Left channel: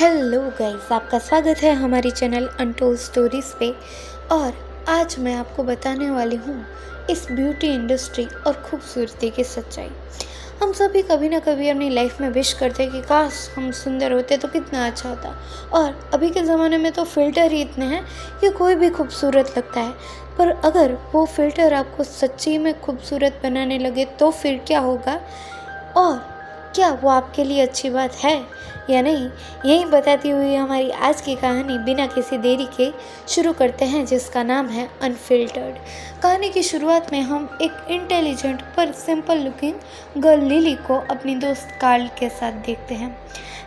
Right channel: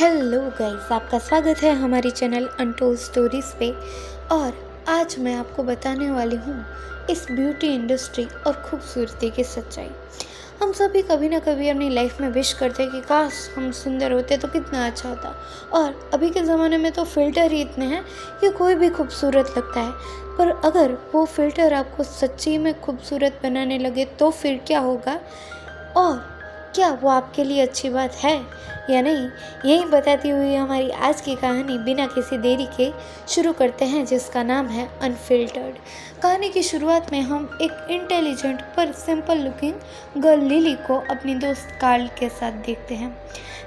Hello guys, आपका स्वागत है हमारी चैनल अनटोल्ड स्टोरीज़ पे। और आज मैं आपको बताने वाली हूँ इस ब्यूटी इंडस्ट्री और खूबसूरती की सच्चाई। हम सभी कभी ना कभी अपनी लाइफ में विश करते हैं कि काश हम सुंदर होते तो कितना अच्छा होता। और अभी के ज़माने में तो फ़िल्टर ही इतने हैं कि कोई भी खूबसूरत लगता है। पर अगर वो फ़िल्टर आपको सच्ची में खूबसूरत बनाने लगे तो फिर क्या होगा, और क्या वो आपके लिए अच्छी बात है या नहीं, यही बताती हुई हमारी आज की कहानी बिना किसी देरी के शुरू करते हैं, जिसका नाम है अनफिल्टर्ड। कहानी की शुरुआत में हम एक इंटेलिजेंट पर सिंपल लुकिंग गर्ल लिली को अपनी दोस्त कार्ल के साथ देखते हैं।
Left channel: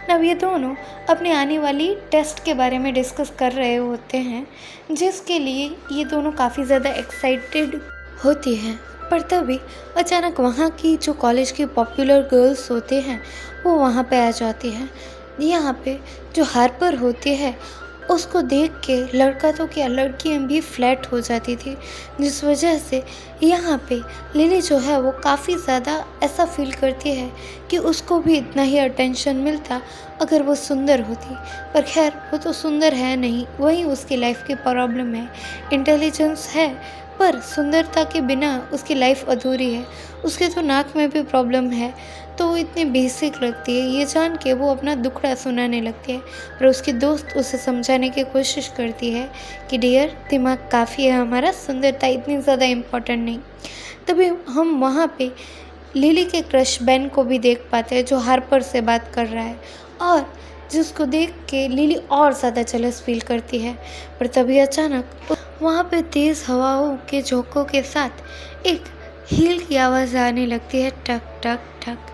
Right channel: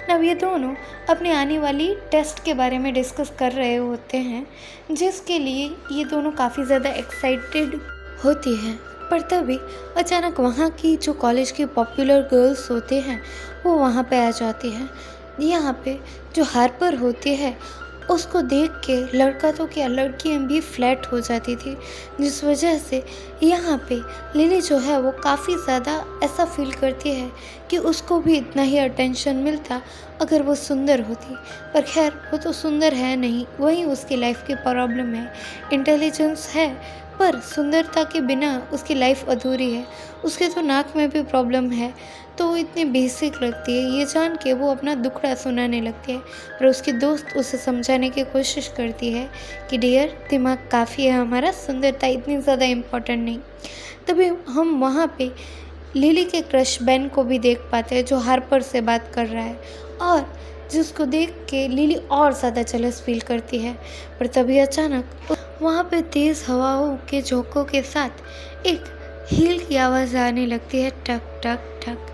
अब ये दोनों अपने आने वाली टेस्ट के बारे में डिस्कस कर रहे होते हैं, जिसके लिए ये दोनों काफ़ी ज़्यादा एक्साइटेड होती हैं। पर तभी अचानक वहाँ की जो कॉलेज की पॉपुलर गर्ल्स होती हैं वो वहाँ पे आ जाती हैं। यहाँ पे जो हार्पर होती है उसको देख के लड़का तो क्या लड़कियाँ भी फ्लैट हो जाती थी, जिस वजह से यहाँ पे लिली जो है वो काफ़ी ज़्यादा ऐसा फील करती है कि उसको भी इतना ही अटेंशन मिलता अगर वो सुंदर होती। पर खैर वो तो सुंदर है नहीं, वही उसकी लाइफ की प्रॉब्लम है। इंटेलिजेंस है पर सुंदरता के बिना उसकी लाइफ अधूरी है। उसके तो नाक में भी प्रॉब्लम है, तो वो इतनी बेसिक लगती है। ये जान के वो अपना दुखड़ा सुनाने लगती है, पर उसकी दोस्त उसे समझाने की कोशिश करती है कि डियर, दिमाग काफ़ी है हमारा, सुंदरता इतनी ज़्यादा इम्पोर्टेंट नहीं। तभी हम वहाँ पे लिली के क्रश बेन को भी देख पाते हैं, जो हार्पर से बात कर रहा है और जिसको देख के लिली और ज़्यादा जेलस फील करती है। पर तभी अचानक वहाँ पे तेज़ हवाओं के झोंकों के साथ एक हील की आवाज़ आने लगती है, टक टक टक।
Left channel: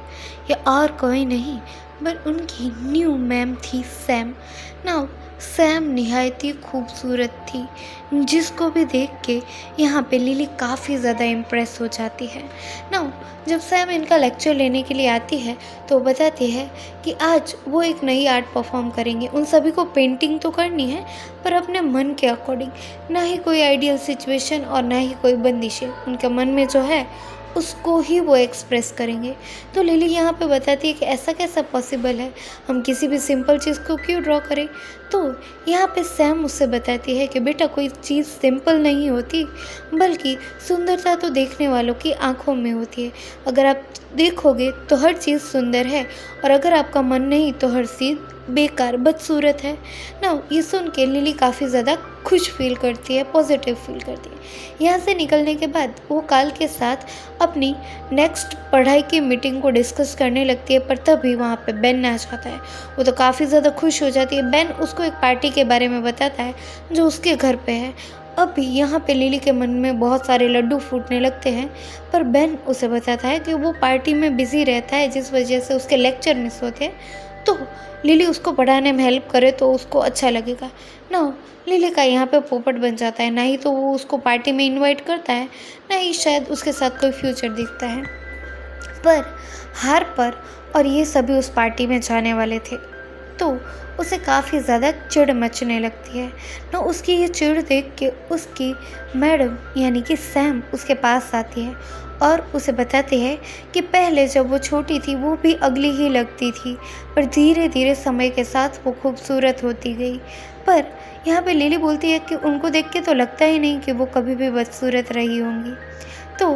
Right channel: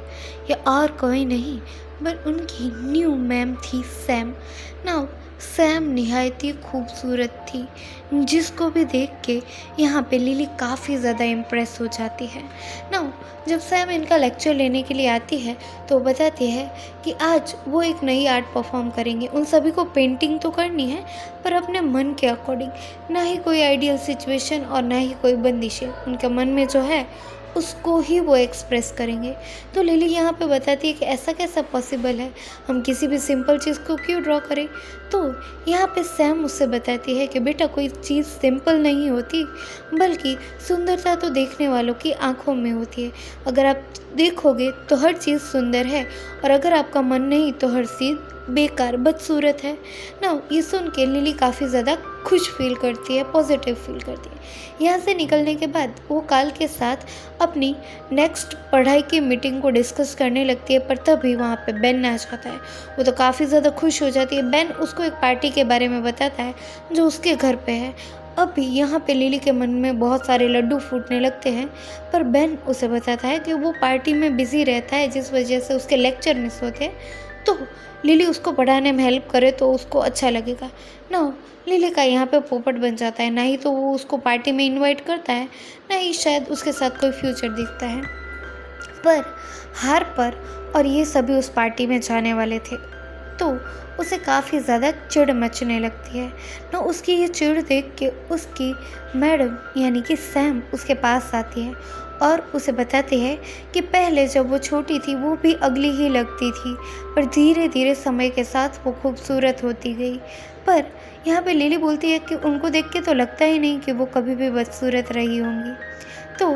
ये और कोई नहीं पर उनकी न्यू मैम थी, सैम। नाउ सैम निहायत ही खूबसूरत थी, जिसको भी देख के यहाँ पे लिली काफ़ी ज़्यादा इम्प्रेस हो जाती है। नाउ जब सैम इनका लेक्चर लेने के लिए आती है तो वो बताती है कि आज वो एक नई आर्ट परफॉर्म करेंगे। उन सभी को पेंटिंग तो करनी है पर अपने मन के अकॉर्डिंग, ना ही कोई आइडियल सिचुएशन और ना ही कोई बंदिशें। उनके मन में जो है उसको ही वो एक्सप्रेस करेंगे। तो लिली यहाँ पे बताती है कि ऐसा कैसा पॉसिबल है, हम किसी भी सिंपल चीज़ को क्यों ड्रॉ करें। तो यहाँ पे सैम उससे बताती है कि बेटा, कोई चीज़ सिंपल नहीं होती, बल्कि सुंदरता तो देखने वालों की आंखों में होती है। अगर आप देखोगे तो हर चीज़ सुंदर है, और अगर आपका मन नहीं तो हर चीज़ बेकार बदसूरत है ना। ये सुन के लिली काफ़ी ज़्यादा खुश फील करती है, पॉजिटिव फील करती है। यहाँ से निकलने के बाद वो काल के साथ अपनी नेक्स्ट पढ़ाई की मीटिंग को डिस्कस करने लगती है। पर तभी वहाँ पे बेन आ जाता है। वो तो काफ़ी ज़्यादा खुश हो जाती है। बेन उसको एक पार्टी के बारे में बताता है जो उसके घर पे है। अभी यहाँ पे लिली के मन में बहुत सारे लड्डू फूटने लगते हैं, पर बेन उसे बताता है कि वो पार्टी में बिजी रहता है, जिस वजह से उसके लेक्चर मिस होते हैं। तो लिली उसको पढ़ाने में हेल्प करे तो उसको अच्छा लगेगा ना। लिली का यहाँ पे पोपट बन जाता है, ना ही तो वो उसको पार्टी में इनवाइट करता है, ना ही शायद उसके साथ कोई फ्यूचर दिखता है। पर हार्पर और ये सभी उस पार्टी में जाने वाले थे, तो उसे काफ़ी ज़्यादा चिढ़ मचने लगती है। तो उसकी ये चिढ़ देख के उसकी मैडम यानी कि सैम उसके पास आती है और उसे बताती है कि पहले जब वो छोटी थी वो भी अगली ही लगती थी, पर धीरे धीरे समय के साथ वो खूबसूरत होती गई। पर यहाँ पे लिली बोलती है कि उनको देख के तो लगता ही नहीं कि वो कभी भी बदसूरत रही होंगी। तो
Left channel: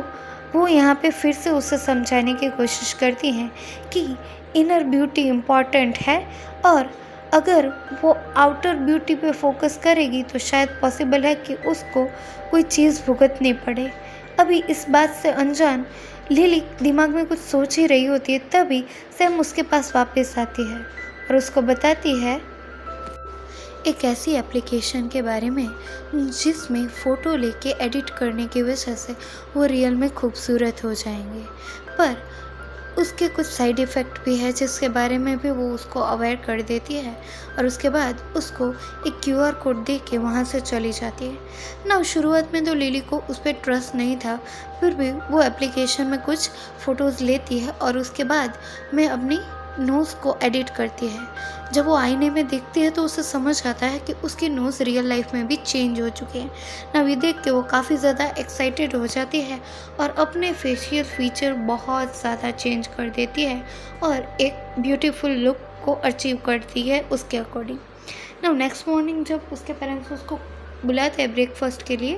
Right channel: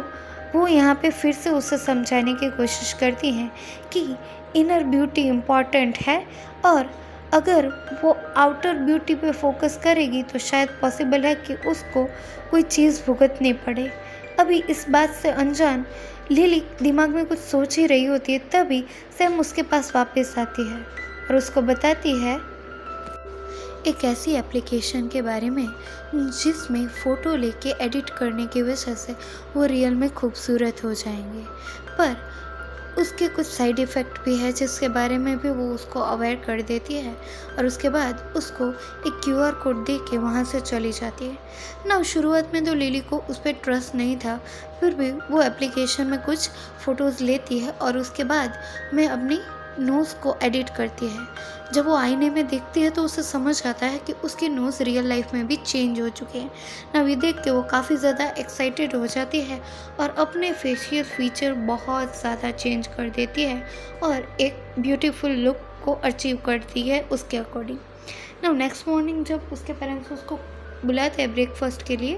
वो यहाँ पे फिर से उसे समझाने की कोशिश करती हैं कि इनर ब्यूटी इम्पॉर्टेंट है, और अगर वो आउटर ब्यूटी पे फोकस करेगी तो शायद पॉसिबल है कि उसको कोई चीज़ भुगतनी पड़े। अभी इस बात से अनजान लिली दिमाग में कुछ सोच ही रही होती है, तभी सैम उसके पास वापस आती है और उसको बताती है एक ऐसी एप्लीकेशन के बारे में जिसमें फ़ोटो लेके एडिट करने की वजह से वो रियल में खूबसूरत हो जाएंगे। पर उसके कुछ साइड इफ़ेक्ट भी है, जिसके बारे में भी वो उसको अवेयर कर देती है, और उसके बाद उसको एक क्यूआर कोड दे के वहाँ से चली जाती है ना। शुरुआत में तो लिली को उस पर ट्रस्ट नहीं था, फिर भी वो एप्लीकेशन में कुछ फ़ोटोज़ लेती है और उसके बाद में अपनी नोज़ को एडिट करती है। जब वो आईने में देखती है तो उसे समझ आता है कि उसकी नोज़ रियल लाइफ में भी चेंज हो चुकी है ना। ये देख के वो काफ़ी ज़्यादा एक्साइटेड हो जाती है और अपने फेशियल फीचर बहुत ज़्यादा चेंज कर देती है और एक ब्यूटीफुल लुक को अचीव करती है उसके अकॉर्डिंग। नाउ नेक्स्ट मॉर्निंग जब उसके पेरेंट्स उसको बुलाते हैं ब्रेकफास्ट के लिए,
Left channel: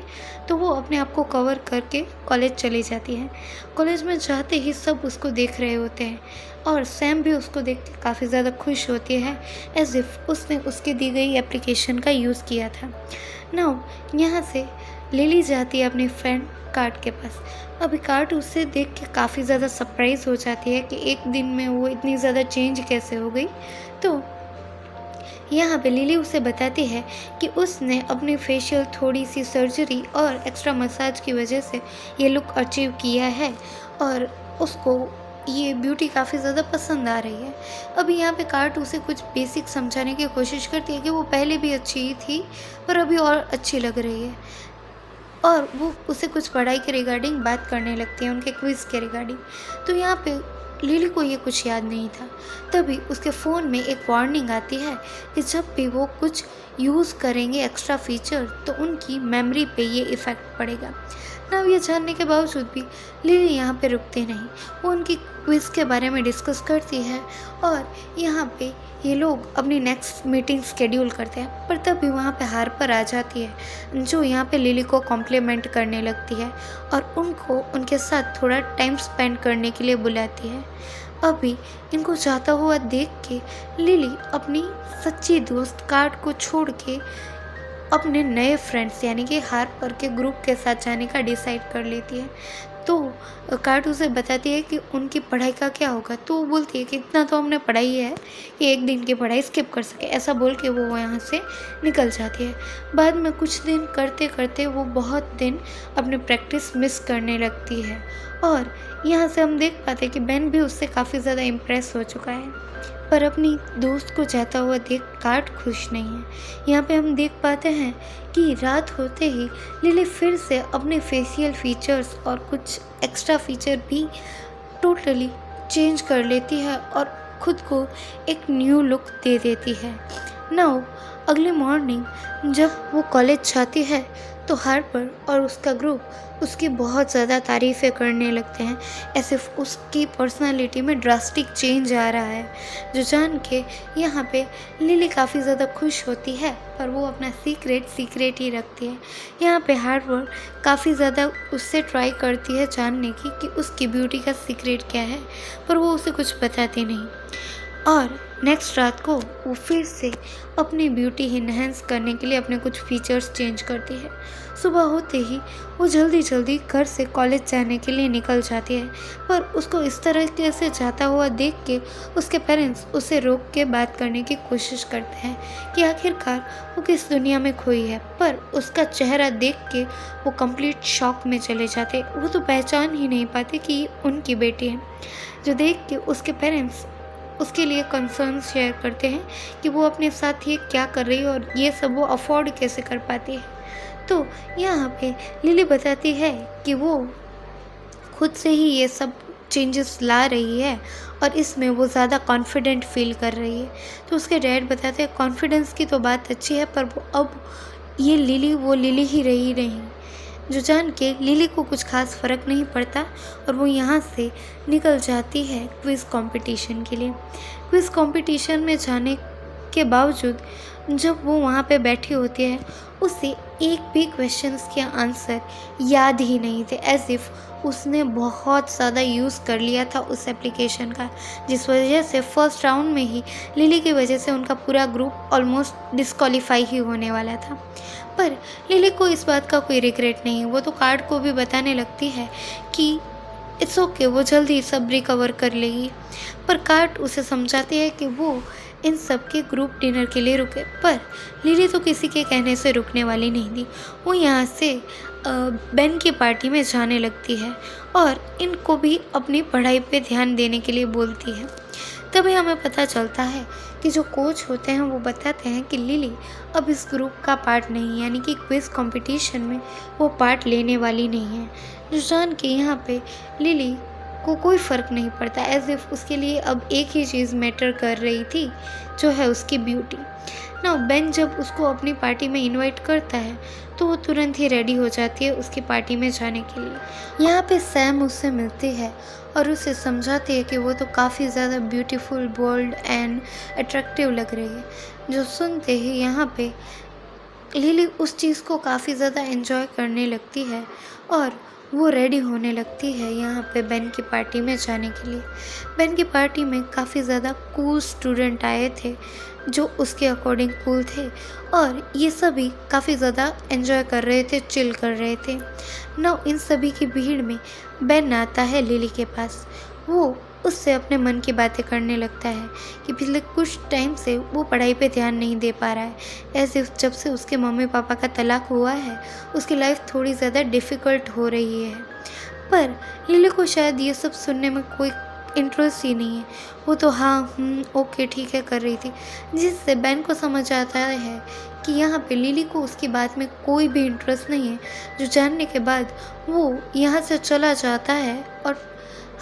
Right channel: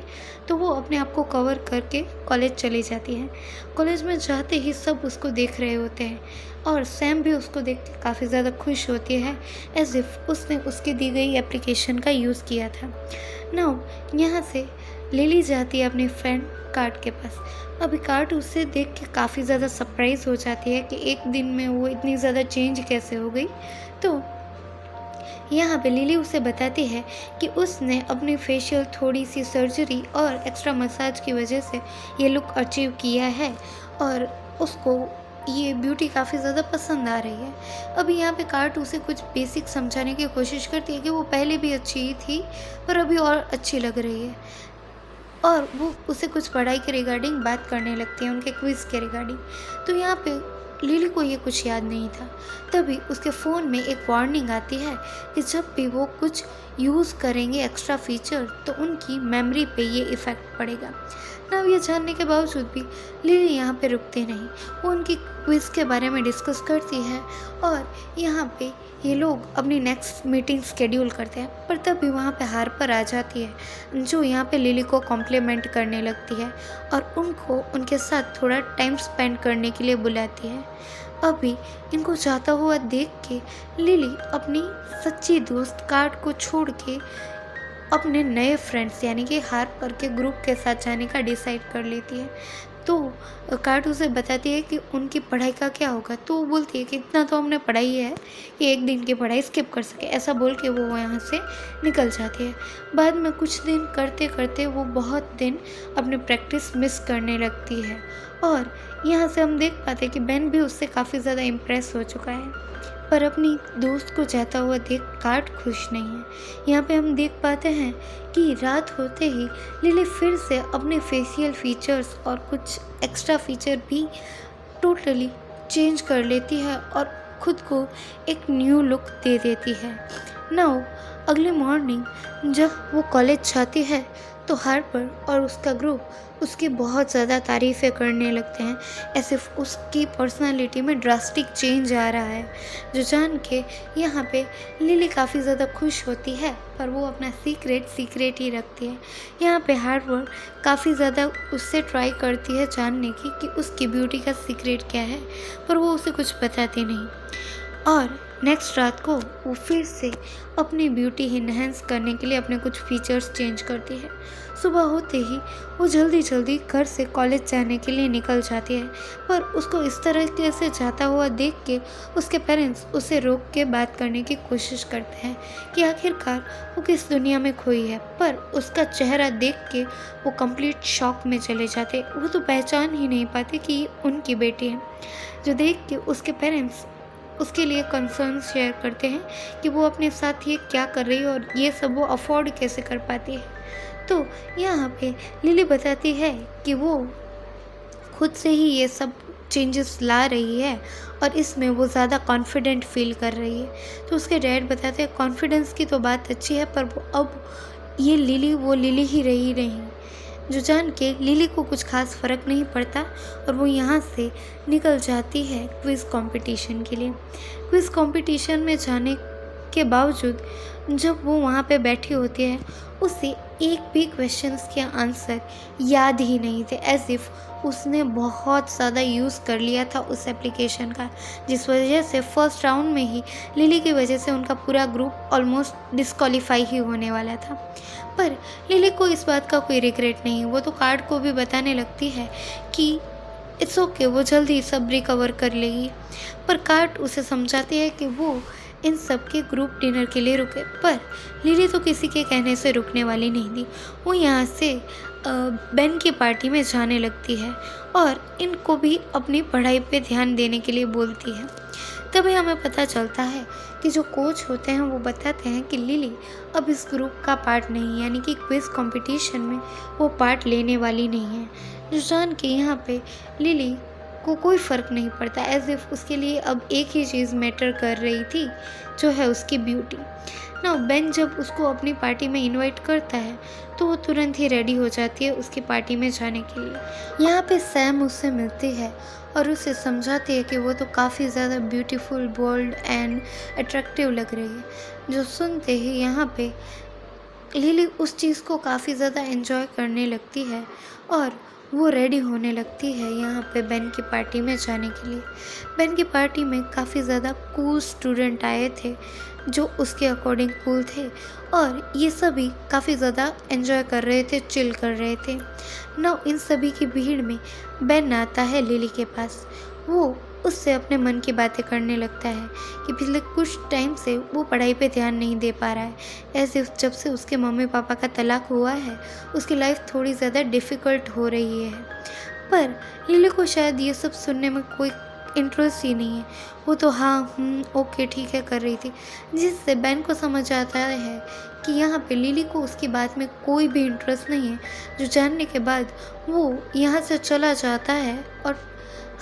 तो वो अपने आप को कवर करके कॉलेज चली जाती है। कॉलेज में जाते ही सब उसको देख रहे होते हैं और सैम भी उसको देख के काफ़ी ज़्यादा खुश होती है, एज इफ़ उसने उसके दी गई एप्लीकेशन का यूज़ किया था। नाउ यहाँ से लिली जाती है अपनी फ्रेंड कार्ट के पास। अभी कार्ट उसे देख के काफ़ी ज़्यादा सरप्राइज हो जाती है कि एक दिन में वो इतनी ज़्यादा चेंज कैसे हो गई। तो यहाँ पे लिली उसे बताती है कि उसने अपनी फेशियल, थोड़ी सी सर्जरी और एक्स्ट्रा मसाज की वजह से ये लुक अचीव किया है और उसको ये ब्यूटी काफ़ी ज़्यादा पसंद आ रही है। अभी यहाँ पे कार्ट उसे कुछ बेसिक समझाने की कोशिश करती है कि वो पहले भी अच्छी ही थी पर अभी और अच्छी लग रही है, और वो उसे कुछ पढ़ाई के रिगार्डिंग बात करने लगती है, उनके क्विज़ के रिगार्डिंग। तो यहाँ पे लिली को ये कुछ याद नहीं था। तभी उसके फ़ोन में एक वार्निंग आती है कि जब भी वो कुछ यूज़ करेंगे एक्स्ट्रा फीचर तो उनकी मेमोरी पे ये इफ़ेक्ट पड़ेगा। ना ये जानने के बावजूद भी लिली यहाँ पे रुकती नहीं, वो उनकी क्विज़ के बारे में डिस्कस करती है और यहाँ पे ये लोग अपनी नेक्स्ट मीटिंग शेड्यूल करते हैं। पर तभी वहाँ पे हार्पर आ जाती है जो यहाँ पे लिली को कॉम्प्लीमेंट करने लगती है और उनको उनके साथ थोड़ा टाइम स्पेंड करने के लिए बुलाती है। अभी इनको जाता हुआ देख के लिली अपनी सच्ची दोस्त कार्ट को छोड़ के अपने नए फ्रेंड्स यानी कि हार्पर के ग्रुप के साथ जाने का डिसाइड कर लेती है। तो कार्ट उसे बताती है कि उनकी पढ़ाई का क्या होगा। तो वो बोलती है कि इतना तो हमने पढ़ाई है कि एक दिन की पढ़ाई स्किप कर सके। ऐसा बोल के वो यहाँ से निकल जाती है। बाद में कुछ दिन करते करते वो बहुत दिन अपनी प्रैक्टिस मिस करने लगती है और यहाँ से हम देख पाते हैं कि बेन भी उससे काफ़ी ज़्यादा इम्प्रेस हो चुका है, पर अपनी दोस्त को जाता हुआ देख कार्ट खुश नहीं है। यहाँ पे हम देख पाते हैं कि रात होते ही लिली फिर से अपने फेशियल फीचर्स और कुछ एक्स्ट्रा फीचर भी टोटली चेंज कर लेती है और खुद को एक न्यू लुक दे देती है। नाउ अगले मॉर्निंग जब वो कॉलेज जाती है तो हार्पर और उसका ग्रुप उसकी बहुत ज़्यादा तारीफ़ें करने लगते हैं, ऐसे उसकी पर्सनालिटी में ड्रास्टिक चेंज आ रहा है, जो जान के यहाँ पे लिली काफ़ी ज़्यादा खुश होती है, पर वो अपना सीक्रेट ही रखती है। यहाँ पे हार्पर काफ़ी ज़्यादा उससे ट्राई करती है जानने की कि उसकी ब्यूटी का सीक्रेट क्या है, पर वो उसे कुछ बताती नहीं। और नेक्स्ट रात को वो फिर से अपनी ब्यूटी इन्हेंस करने के लिए अपने कुछ फीचर्स चेंज करती है। सुबह होते ही वो जल्दी घर से कॉलेज जाने के लिए निकल जाती है, पर उसको इस तरीके से जाता हुआ देख के उसके पेरेंट्स उसे रोक के बात करने की कोशिश करते हैं कि आखिरकार वो किस दुनिया में खोई है। पर उसका चेहरा देख के वो कंप्लीट शॉक में चले जाते, वो तो पहचान ही नहीं पाते कि उनकी बेटी है, जो देख के उसके पेरेंट्स उसके लिए कंसर्न शेयर करते हैं कि वो अपने साथ ये क्या कर रही है और ये सब वो अफोर्ड कैसे कर पाती है। तो यहाँ पे लिली बताती है कि वो खुद से ही ये सब चेंजेस ला रही है और इसमें वो ज़्यादा कॉन्फिडेंट फील कर रही है। तो उसके डैड बताते हैं कॉन्फिडेंस की तो बात अच्छी है, पर वो अब ये लिली वो लिली ही रही नहीं, जो जान के लिली को कुछ खास फ़र्क नहीं पड़ता और वो यहाँ से निकल जाती है क्विज़ कंपटीशन के लिए। क्विज़ कंपटीशन में जाने के बावजूद जब वो वहाँ पे बैठी होती है उसे एक भी क्वेश्चंस के आंसर याद ही नहीं थे, एज इफ़ उसने बहुत ज़्यादा यूज़ कर लिया था उस एप्लीकेशन का, जिस वजह से फर्स्ट राउंड में ही लिली की वजह से उनका पूरा ग्रुप ऑलमोस्ट डिस्क्वालीफाई ही होने वाला था। पर लिली को इस बात का कोई रिग्रेट नहीं, वो तो कार्ड को भी बताने लगती है कि इट्स ओके, वो जल्दी सब रिकवर कर लेगी। पर कार्ड उसे समझाती है कि वो इन सब के ग्रुप डिनर के लिए रुके, पर लिली तो किसी के कहने से रुकने वाली नहीं थी। वो यहाँ से बेन की पार्टी में जाने लगती है और इनको भी अपनी पढ़ाई पे ध्यान देने के लिए बोलती है। तभी हमें पता चलता है कि जो कोच होते हैं वो बताते हैं कि लिली अब इस ग्रुप का पार्ट नहीं, यानी कि क्विज़ कंपटीशन में वो पार्ट लेने वाली नहीं है, जो जान के यहाँ पे लिली को कोई फ़र्क नहीं पड़ता, एज इफ़ उसके लिए अब एक ही चीज़ मैटर कर रही थी, जो है उसकी ब्यूटी। ना बेन जब उसको अपनी पार्टी में इनवाइट करता है तो वो तुरंत ही रेडी हो जाती है उसकी पार्टी में जाने के लिए। यहाँ पे सैम उससे मिलती है और उसे समझाती है कि वो तो काफ़ी ज़्यादा ब्यूटीफुल, बोल्ड एंड अट्रैक्टिव लग रही है। जो सुनते ही यहाँ पे लिली उस चीज़ को काफ़ी ज़्यादा एंजॉय करने लगती है और वो रेडी होने लगती है यहाँ पे बेन की पार्टी में जाने के लिए। बेन की पार्टी में काफ़ी ज़्यादा कूल स्टूडेंट आए थे जो उसके अकॉर्डिंग कूल थे और ये सभी काफ़ी ज़्यादा एंजॉय कर रहे थे, चिल कर रहे थे। ना इन सभी की भीड़ में बेन आता है लिली के पास। वो उससे अपने मन की बातें करने लगता है कि पिछले कुछ टाइम से वो पढ़ाई पे ध्यान नहीं दे पा रहा है। ऐसे जब से उसके मम्मी पापा का तलाक हुआ है उसकी लाइफ थोड़ी ज़्यादा डिफ़िकल्ट हो रही है। पर लिली को शायद ये सब सुनने में कोई इंटरेस्ट ही नहीं है। वो तो हाँ ओके ठीक है कर रही थी, जिससे बेन को समझ आता है कि यहाँ पे लिली को उसकी बात में कोई भी इंटरेस्ट नहीं है। जो जानने के बाद वो यहाँ से चला जाता है और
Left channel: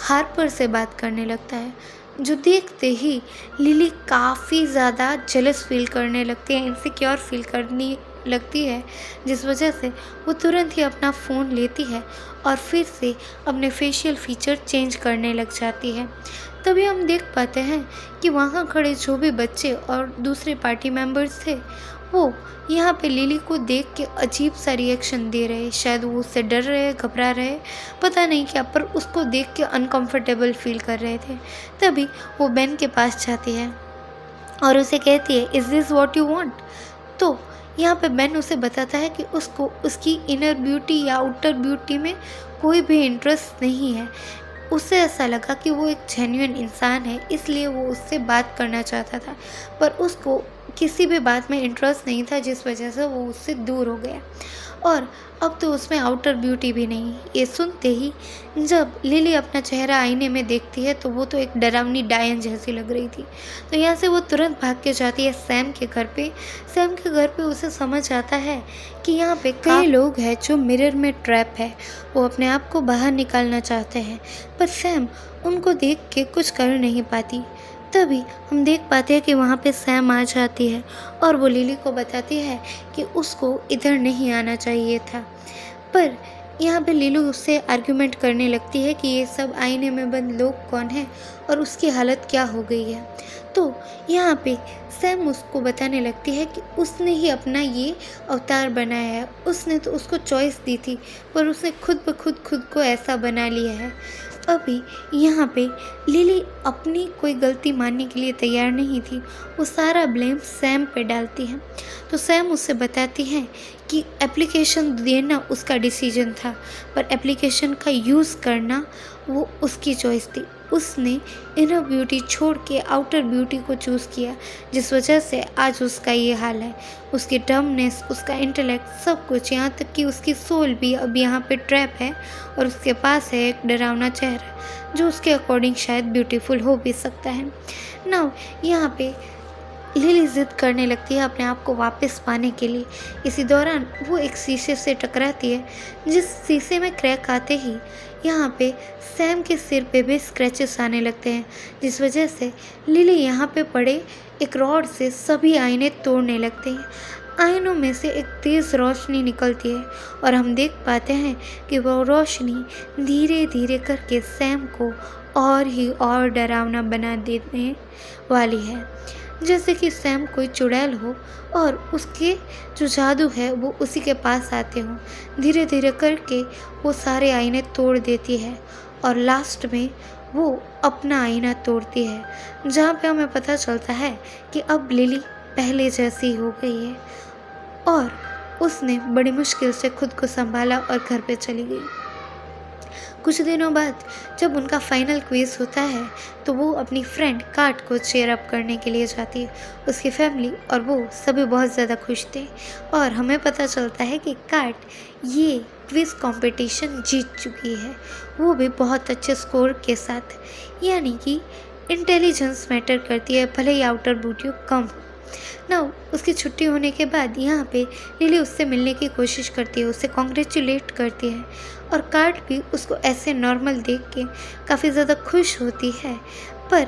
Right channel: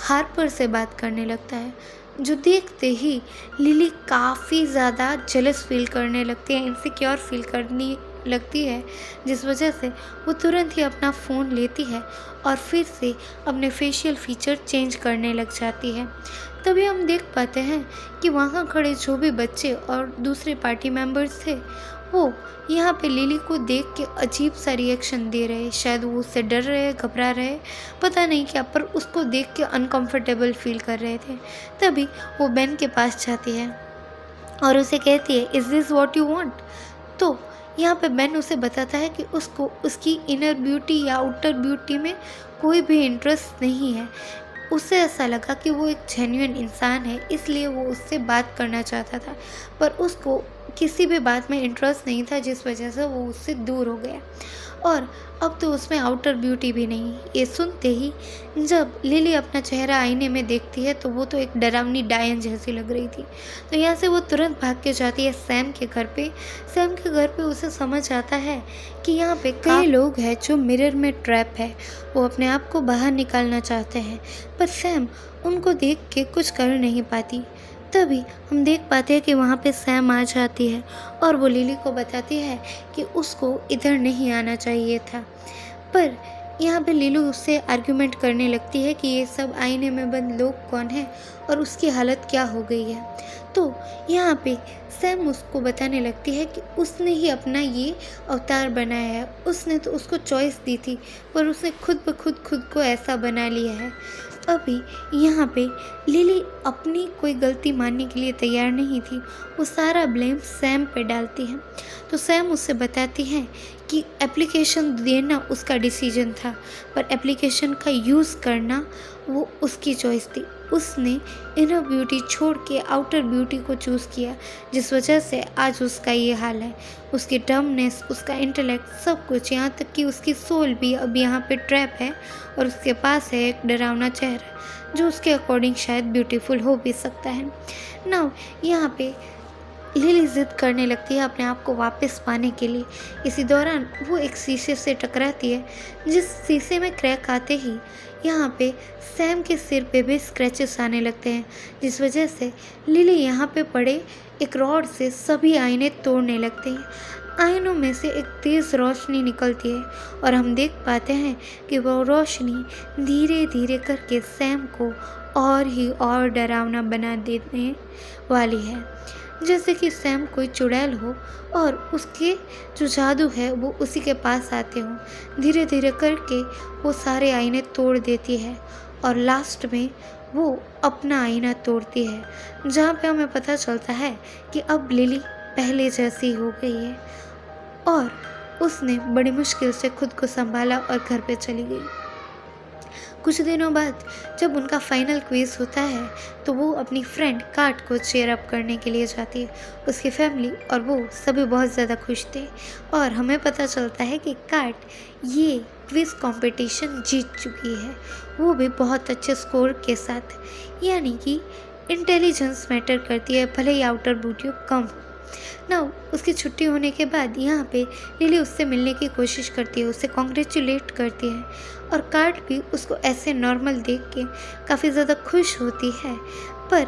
हार्पर से बात करने लगता है। जो देखते ही लिली काफ़ी ज़्यादा जेलस फील करने लगती है, इनसिक्योर फील करने लगती है, जिस वजह से वो तुरंत ही अपना फ़ोन लेती है और फिर से अपने फेशियल फीचर चेंज करने लग जाती है। तभी हम देख पाते हैं कि वहाँ खड़े जो भी बच्चे और दूसरे पार्टी मेंबर्स थे वो यहाँ पे लिली को देख के अजीब सा रिएक्शन दे रहे हैं। शायद वो उससे डर रहे, घबरा रहे, पता नहीं क्या, पर उसको देख के अनकंफर्टेबल फील कर रहे थे। तभी वो बेन के पास जाती है और उसे कहती है is this what you want. तो यहाँ पे बेन उसे बताता है कि उसको उसकी इनर ब्यूटी या आउटर ब्यूटी में कोई भी इंटरेस्ट नहीं है। उसे ऐसा लगा कि वो एक जेन्युइन इंसान है, इसलिए वो उससे बात करना चाहता था, पर उसको किसी भी बात में इंटरेस्ट नहीं था, जिस वजह से वो उससे दूर हो गया। और अब तो उसमें आउटर ब्यूटी भी नहीं। ये सुनते ही जब लिली अपना चेहरा आईने में देखती है तो वो तो एक डरावनी डायन जैसी लग रही थी। तो यहाँ से वो तुरंत भाग के जाती है सैम के घर पे। सैम के घर पे उसे समझ आता है कि यहाँ पे कई लोग हैं जो मिरर में ट्रैप है, वो अपने आप को बाहर निकालना चाहते हैं, पर सैम उनको देख के कुछ कर नहीं पाती। तभी हम देख पाते हैं कि वहाँ पे सैम आ जाती है और वो लिली को बताती है कि उसको इधर नहीं आना चाहिए था। पर यहाँ पे लिली उससे आर्ग्यूमेंट करने लगती है कि ये सब आईने में बंद लोग कौन है और उसकी हालत क्या हो गई है। तो यहाँ पे सैम उसको बताने लगती है कि उसने ही अपना ये अवतार बनाया है, उसने तो उसको चॉइस दी थी पर उसने खुद ब खुद को ऐसा बना लिया है। अभी यहाँ पे लिली अपनी कोई गलती मानने के लिए तैयार नहीं थी, वो सारा ब्लेम सैम पे डालती है। तो सैम उससे बताती है कि एप्लीकेशन देना उसका डिसीजन था, पर एप्लीकेशन का यूज़ करना वो उसकी चॉइस थी। उसने इनर ब्यूटी छोड़ के आउटर ब्यूटी को चूज़ किया, जिस वजह से आज उसका ये हाल है। उसकी डमनेस, उसका इंटेलेक्ट, सब कुछ, यहाँ तक कि उसकी सोल भी अब यहाँ पे ट्रैप है और उसके पास है एक डरावना चेहरा जो उसके अकॉर्डिंग शायद ब्यूटीफुल हो भी सकता है। नाउ यहाँ पे लिली जिद करने लगती है अपने आप को वापस पाने के लिए। इसी दौरान वो एक शीशे से टकराती है, जिस शीशे में क्रैक आते ही यहाँ पे सैम के सिर पे भी स्क्रैचेस आने लगते हैं, जिस वजह से लिली यहाँ पे पड़े एक रॉड से सभी आईने तोड़ने लगते हैं। आईनों में से एक तेज़ रोशनी निकलती है और हम देख पाते हैं कि वह रोशनी धीरे धीरे करके सैम को और ही और डरावना बना देने वाली है, जैसे कि सैम कोई चुड़ैल हो और उसके जो जादू है वो उसी के पास आते हों। धीरे धीरे करके वो सारे आईने तोड़ देती है और लास्ट में वो अपना आईना तोड़ती है, जहाँ पे हमें पता चलता है कि अब लिली पहले जैसी हो गई है और उसने बड़ी मुश्किल से खुद को संभाला और घर पे चली गई। कुछ दिनों बाद जब उनका फाइनल क्विज होता है तो वो अपनी फ्रेंड काट को चीयर अप करने के लिए जाती है। उसकी फैमिली और वो सभी बहुत ज़्यादा खुश थे और हमें पता चलता है कि काट ये क्विज कंपटीशन जीत चुकी है, वो भी बहुत अच्छे स्कोर के साथ। यानी कि इंटेलिजेंस मैटर करती है, भले ही आउटर ब्यूटी कम हो। ना उसकी छुट्टी होने के बाद यहाँ पे लिली उससे मिलने की कोशिश करती है, उसे कॉन्ग्रेचुलेट करती है और कार्ट भी उसको ऐसे नॉर्मल देख के काफ़ी ज़्यादा खुश होती है। पर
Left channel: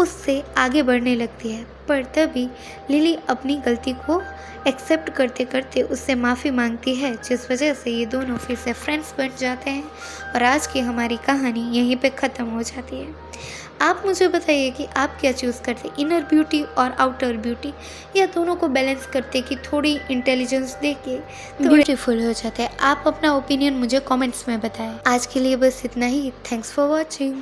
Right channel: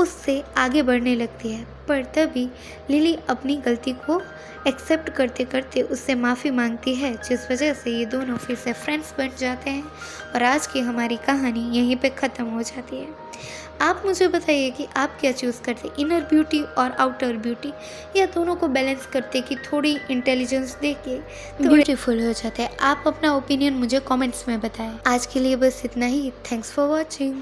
उससे आगे बढ़ने लगती है, पर तभी लिली अपनी गलती को एक्सेप्ट करते करते उससे माफ़ी मांगती है, जिस वजह से ये दोनों फिर से फ्रेंड्स बन जाते हैं और आज की हमारी कहानी यहीं पे ख़त्म हो जाती है। आप मुझे बताइए कि आप क्या चूज़ करते, इनर ब्यूटी और आउटर ब्यूटी, या दोनों को बैलेंस करते कि थोड़ी इंटेलिजेंस दे के ब्यूटीफुल हो जाते हैं। आप अपना ओपिनियन मुझे कमेंट्स में बताएं। आज के लिए बस इतना ही। Thanks for watching.